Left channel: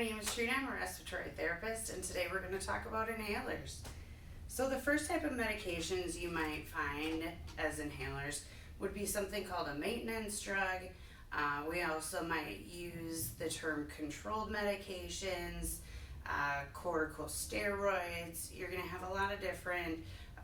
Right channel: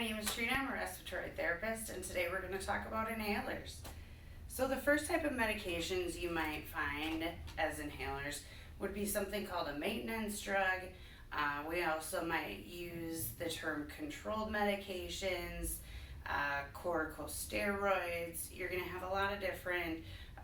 name is Trina, I'm a respiratory therapist, and today we're going to talk about inhalers. So the first type of medications you might find as inhalers would be something called a maintenance drug. We also might use the term controlled medications, corticosteroids. You're going to have a lot of different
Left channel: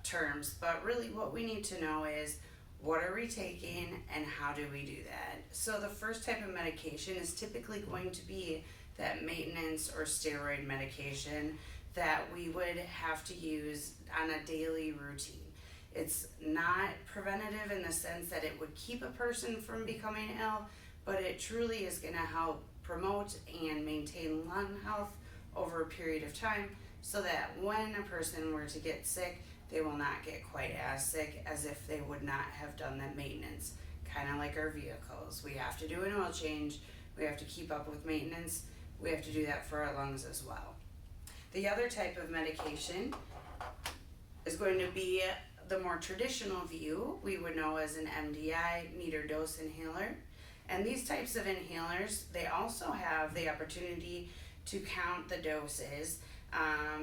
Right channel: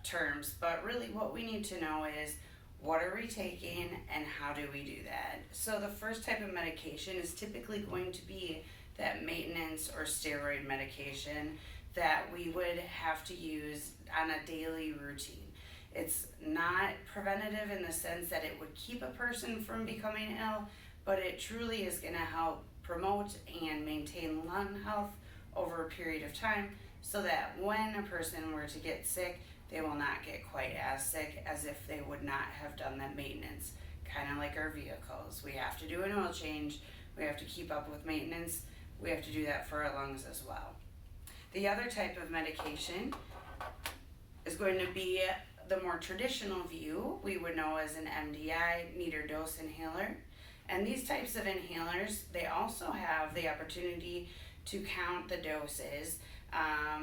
terms, but really what we need to know is what are we taking and how do we do that? So the first type of medication is typically going to be that maintenance or steroid medication that we would have to use on a daily routine. It's not preventative in the sense that it would keep a person from becoming ill, but it truly is going to help promote and maintain lung health over a period of time so that when a person were to get sick, they will not get quite as sick as if they would not have done that maintenance. Kind of like our vehicles. We have to do an oil change, we have to keep up with maintenance, we have to do that for our lungs as well. The other type of medication is going to be the more traditional view we would know as an MDI, meter dose inhaler. And these types of inhalers, they also have the opportunity to count the doses,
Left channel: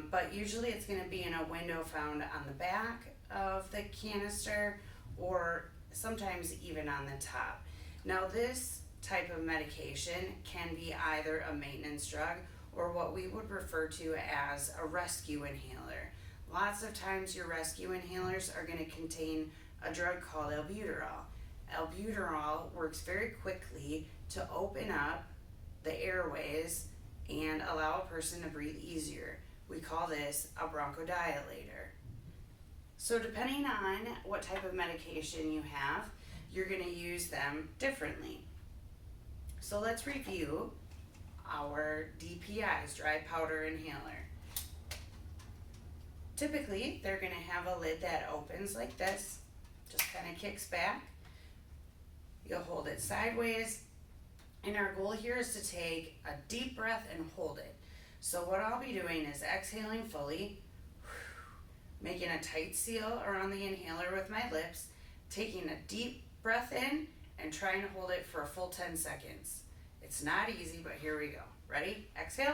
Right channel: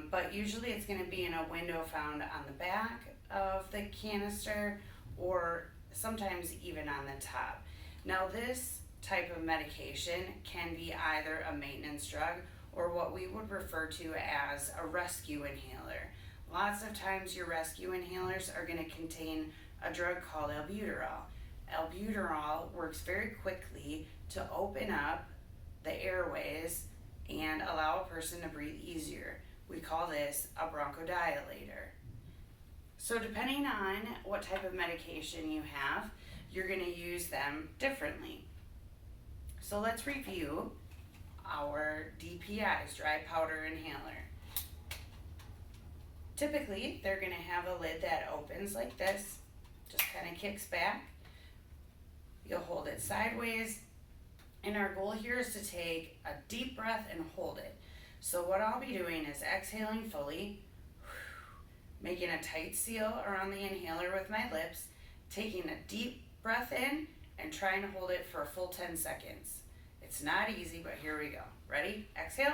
but usually it's going to be in a window found on the back of the canister or sometimes even on the top. Now this type of medication can be either a maintenance drug or what we would refer to as a rescue inhaler. Lots of times your rescue inhalers are going to contain a drug called albuterol. Albuterol works very quickly to open up the airways and allow a person to breathe easier. We call this a bronchodilator. So depending on what type of medication you have, you're going to use them differently. So let's review our DPIs, dry powder inhaler. Typically, they're going to have a lid that opens like this, just kind of kicks back. You'll hold it sideways, and our goal here is to take a deep breath and hold it. So what I'll be doing is exhaling fully, making a tight seal around the inhaler with my lips, taking a deep breath in, and trying to hold it for a full 10 seconds. It's not easy, but here we go. Ready? Exhale.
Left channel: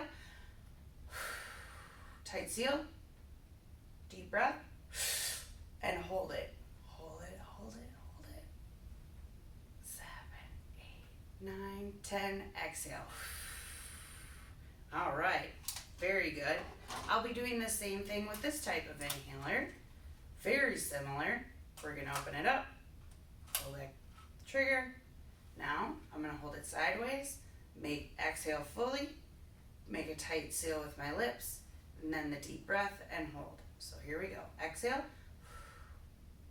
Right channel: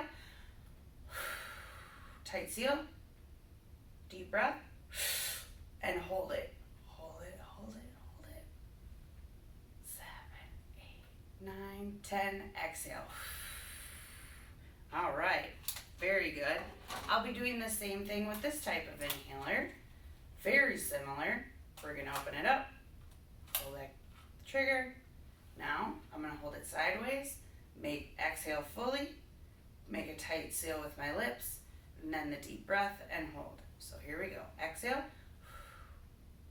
Tight seal. Deep breath. And hold it. Hold it, hold it, hold it. 7, 8, 9, 10. Exhale. All right. Very good. I'll be doing the same thing with this type of inhaler. Very similar. We're going to open it up. Pull that trigger. Now, I'm going to hold it sideways. Exhale fully, make a tight seal with my lips, and then the deep breath and hold. So here we go. Exhale,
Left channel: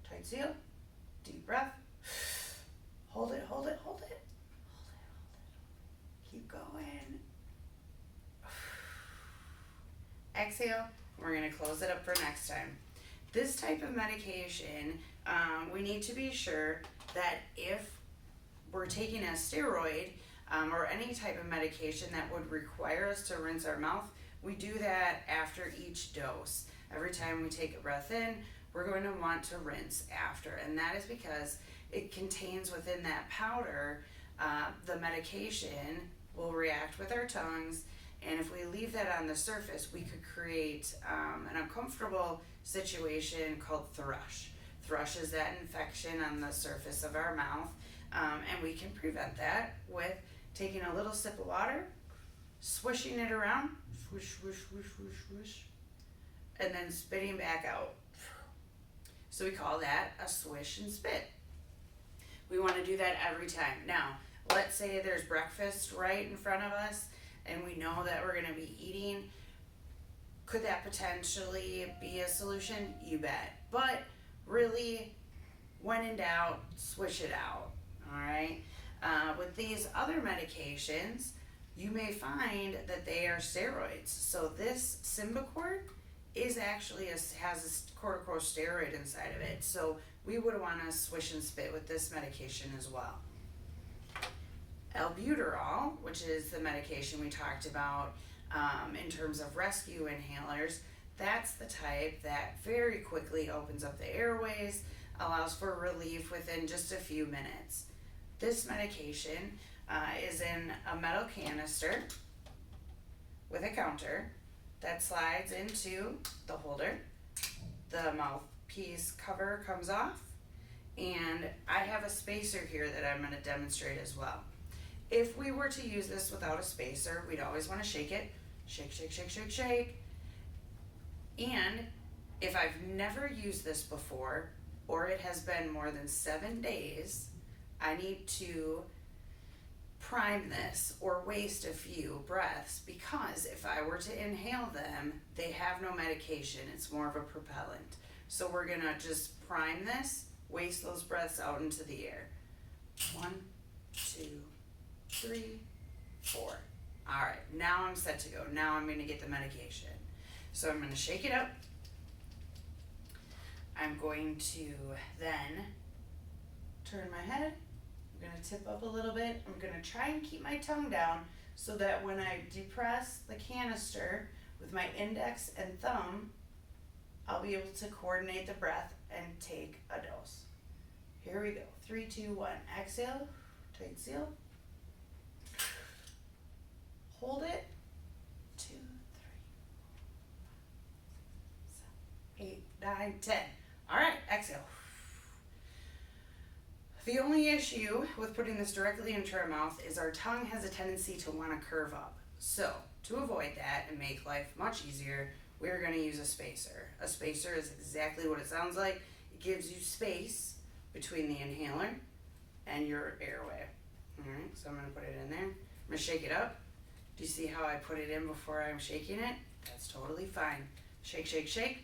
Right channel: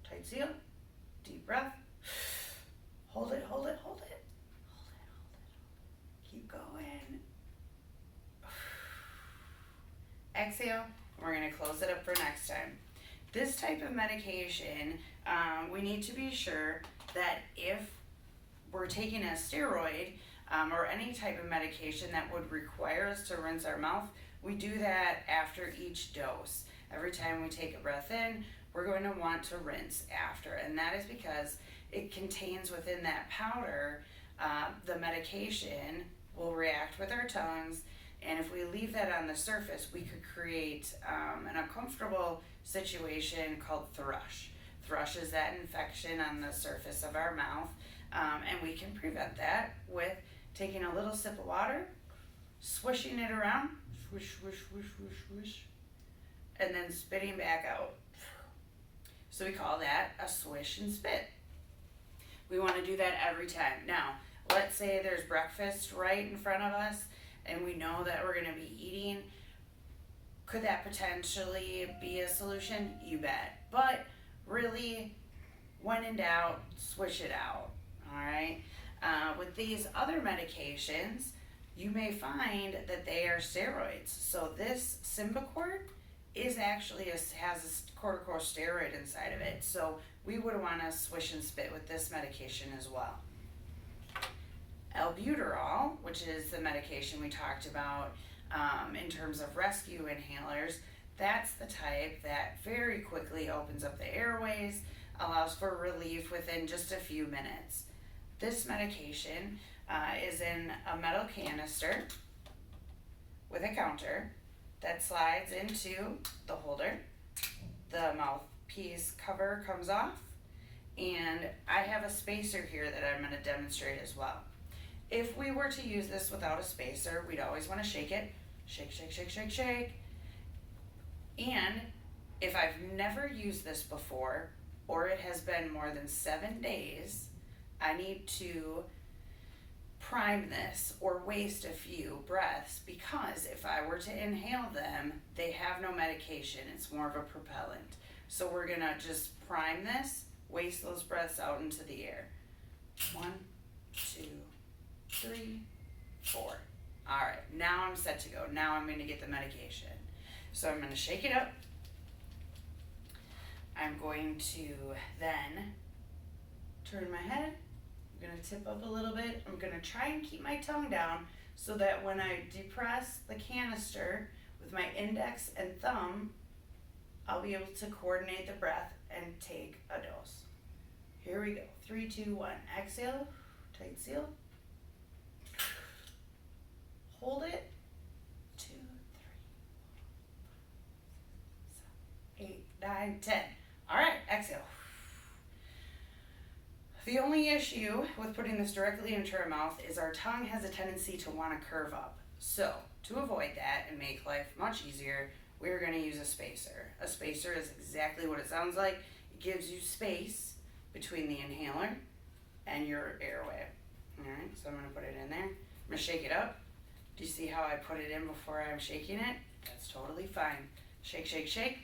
tight seal, deep breath, hold it, hold it, hold it, hold it, hold it, hold it. Keep going. Exhale, we're going to close it up for next time. This type of medication, we need to be sure that if we're taking a steroid, or any type of medication that would require us to rinse our mouth, we do that after each dose. Every time we take a breath in, we're going to want to rinse after, and that is because it contains within that powder, the medication will react with our tongues, and if we leave that on the surface, we could create an uncomfortable situation called thrush. Thrush is that infection on the surface of our mouth, and we can prevent that with taking a little sip of water, swishing it around, swish, swish, swish, swish, swish, and then spitting back out. So we call that a swish and spit. We want to do that every time. Now, let's say there's breakfast right in front of us, and we know that we're going to be eating. Could that potentially be a solution? You bet. But really, when in doubt, swish it out. All right. With these other medications, you may find that they are steroids. So this Symbicort is actually has a corticosteroid inside of it. So we would want to swish and spit with this medication as well. Albuterol, which is the medication we talked about in terms of rescue inhalers, that's the type that very quickly opens up the airways, allows for relief within just a few minutes. This medication is in a metal canister with a counter that slides into the holder. The mouthpiece cover comes off, and I have a spacer here that I'm going to demonstrate as well. If we were to use this without a spacer, we'd always want to shake it. Shake, shake, shake, shake, shake. And if I've never used this before, or it has been more than 7 days, I need to prime this or waste a few breaths, because if I were to inhale them, they have no medication. It's more of a propellant. So we're gonna just prime this, waste those breaths out into the air. 1, 2, 3, 4. All right, now I'm set to go. Now I'm gonna get the medication. So I'm gonna shake it up. I'm going to then turn my head. I'm gonna tip up a little bit. I'm gonna try and keep my tongue down so that when I depress the canister with my index and thumb, I'll be able to coordinate the breath and take a dose. Here we go. 3, 2, 1. Exhale, tight seal. Hold it. 2, 3, 4, 5, 6, 7, 8, 9, 10. All right, exhale. The only issue with putting this directly into our mouth is our tongue has a tendency to want to curve up. So to avoid that and make life much easier, we're going to use a spacer. A spacer is exactly what it sounds like. It gives you space between the inhaler and your airway. All right, so I'm going to put it in there. I'm going to shake it up. Do you see how I put it in before I'm shaking it? That's totally fine. Shake, shake, shake.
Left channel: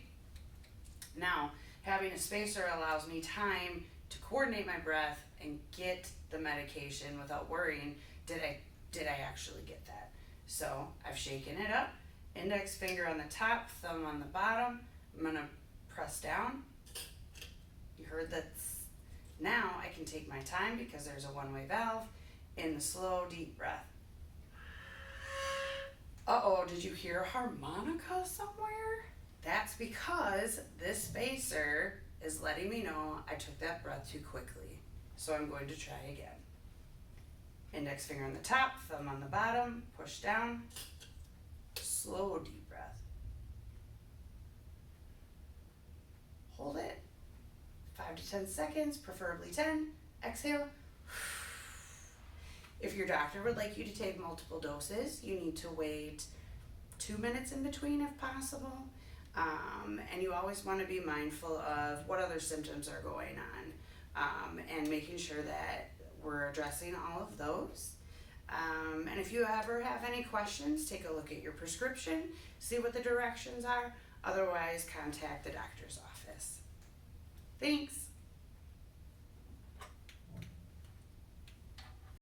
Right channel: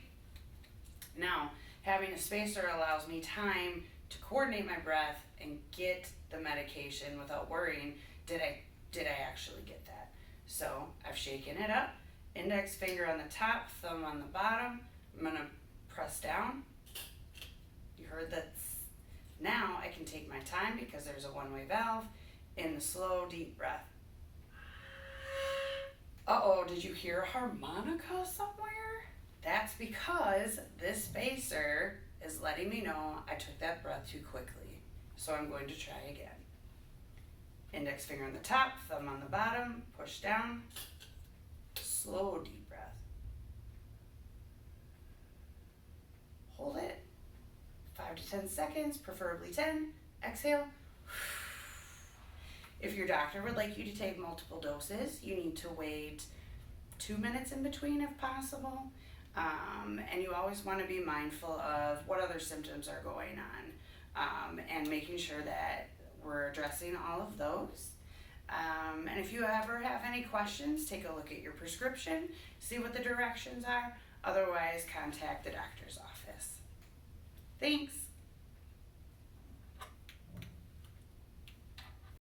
Now, having a spacer allows me time to coordinate my breath and get the medication without worrying, did I actually get that? So I've shaken it up, index finger on the top, thumb on the bottom. I'm gonna press down. You heard that. Now I can take my time because there's a one-way valve in the slow, deep breath. Uh-oh, did you hear a harmonica somewhere? That's because this spacer is letting me know I took that breath too quickly. So I'm going to try again. Index finger on the top, thumb on the bottom, push down, slow deep breath. Hold it, 5 to 10 seconds, preferably 10, exhale. If your doctor would like you to take multiple doses, you need to wait 2 minutes in between if possible. And you always want to be mindful of what other symptoms are going on, and making sure that we're addressing all of those. And if you ever have any questions, take a look at your prescription, see what the directions are. Otherwise, contact the doctor's office. Thanks.